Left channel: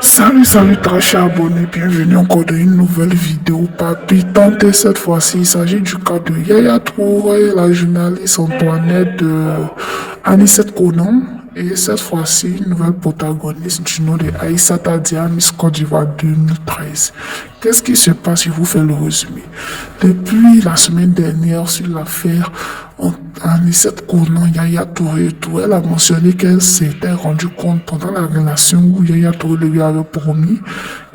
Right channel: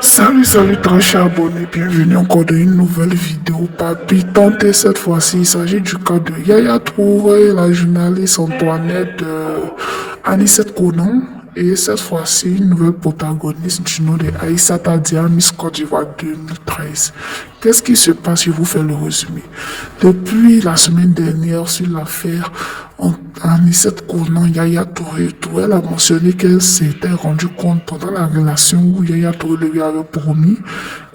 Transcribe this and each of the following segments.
Salut très cher abonné, bienvenue encore dans une nouvelle vidéo palpitante et cette fois-ci il s'agit du cas de Yaya Touré, la journaliste Antoinette de Anicet Konan et cette fois-ci une nouvelle protagoniste du nom de Aïssata Dia, Miss Côte d'Ivoire 2013. Qu'est-ce qui se passe? Je vous fais le résumé. Depuis la semaine dernière sur l'affaire Anicet Konan, Yaya Touré, elle a mentionné qu'elle s'était rendue compte pendant la relation où Yaya Touré lui avait promis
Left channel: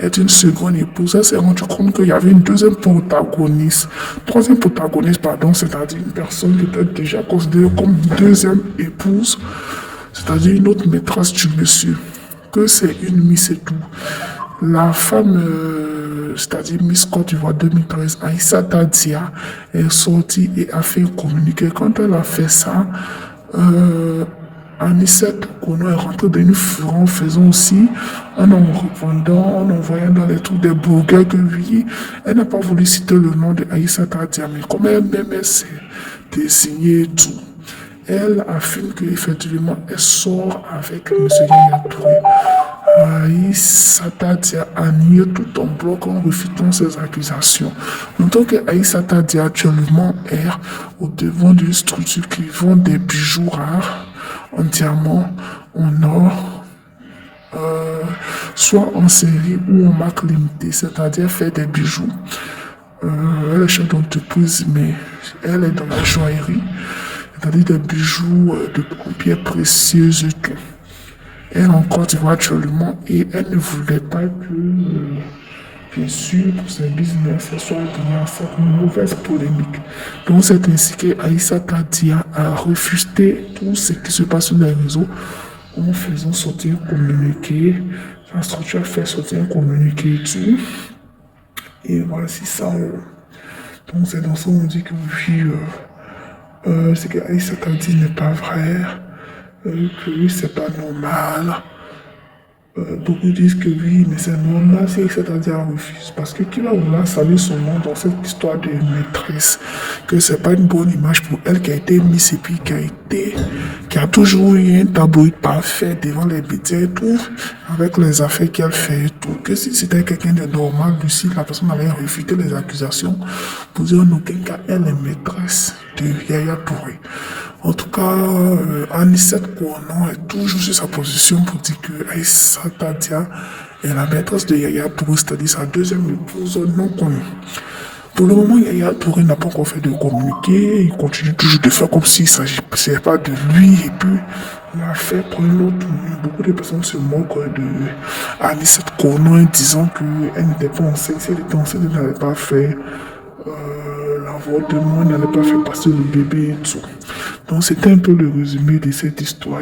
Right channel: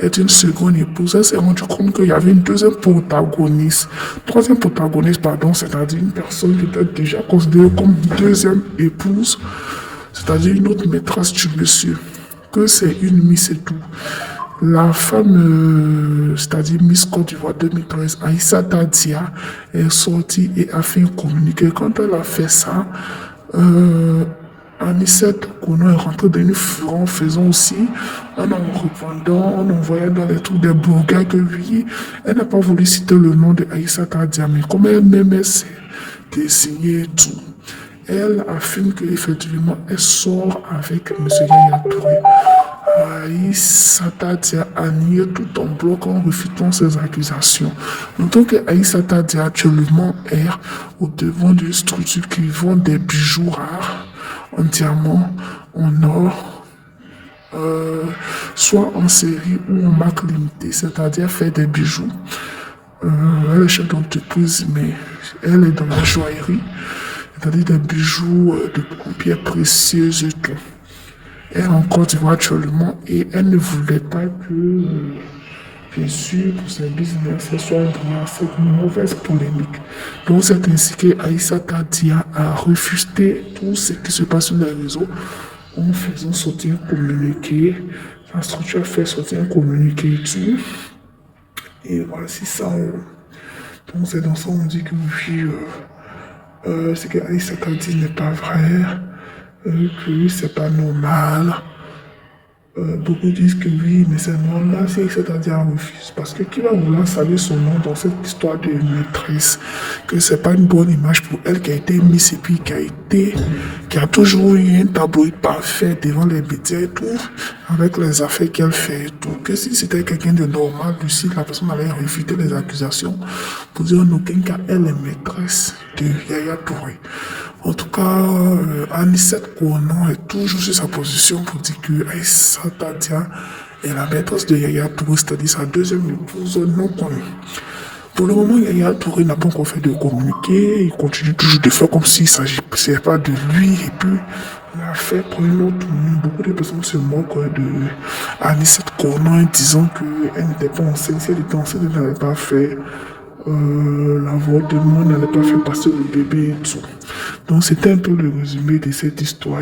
être une seconde épouse. Elle s'est rendue compte qu'il y avait une troisième protagoniste, pardon, c'est-à-dire une personne qui était déjà considérée comme deuxième épouse, c'est-à-dire une autre maîtresse du monsieur, que c'est une Miss et tout. La femme, c'est-à-dire Miss Côte d'Ivoire 2013, Aïssata Dia, est sortie et a fait un communiqué. Quand elle a fait ça, Anicet Konan est rentrée dans une fureur en faisant aussi, en répondant, en envoyant dans les trous des bouquets que oui, elle n'a pas voulu citer le nom de Aïssata Dia, mais comme elle-même s'est désignée et tout, elle affirme qu'effectivement, elle sort avec M. Yaya Touré. Aïssata Dia a nié tout en bloc en refutant ces accusations. Notons que Aïssata Dia actuellement est au devant d'une structure qui vend des bijoux rares en diamant, en or, soit en série ou en marque limitée, c'est-à-dire faire des bijoux. Elle est chef d'entreprise, mais elle est dans la joaillerie, c'est-à-dire des bijoux de pierres précieuses et tout. Elle est en Côte d'Ivoire actuellement et elle ne voulait pas que, bien sûr, pour ses business, elle soit dans cette mauvaise polémique. Donc, c'est ainsi qu'Aïssata Dia a refusé tout ce qui se passe sur les réseaux en faisant sortir un communiqué. La structure a fait sortir un communiqué et tout. Et voici ça. Donc, c'est dans ça qu'on dit que oui, c'est qu'Aïssata Dia n'est pas vrai. Que oui, c'est pas normal. Beaucoup disent que oui, mais c'est normal si c'est-à-dire refuse. Parce que qui va vouloir saluer son nom dans cette histoire de maîtresse, que c'est pas une bonne image pour elle qui a été mise et puis qui a toujours eu un tableau parfait devant les médias et tout, avec les affaires qu'elle fait et tout. Que si c'était quelqu'un de normal, lucide, la personne allait refuter les accusations pour dire en aucun cas elle est maîtresse de Yaya Touré. En tout cas, Anicet Konan est toujours sur sa position pour dire que Aïssata Dia est la maîtresse de Yaya Touré, c'est-à-dire sa deuxième épouse non connue. Pour le moment, Yaya Touré n'a pas encore fait de communiqué. Il continue toujours de faire comme s'il ne s'agissait pas de lui. Et puis, il a fait pour une autre. Beaucoup de personnes se moquent de Anicet Konan en disant qu'elle n'était pas enceinte. Si elle était enceinte, elle n'avait pas fait l'avortement, n'allait pas fait passer le bébé et tout. Donc c'était un peu le résumé de cette histoire.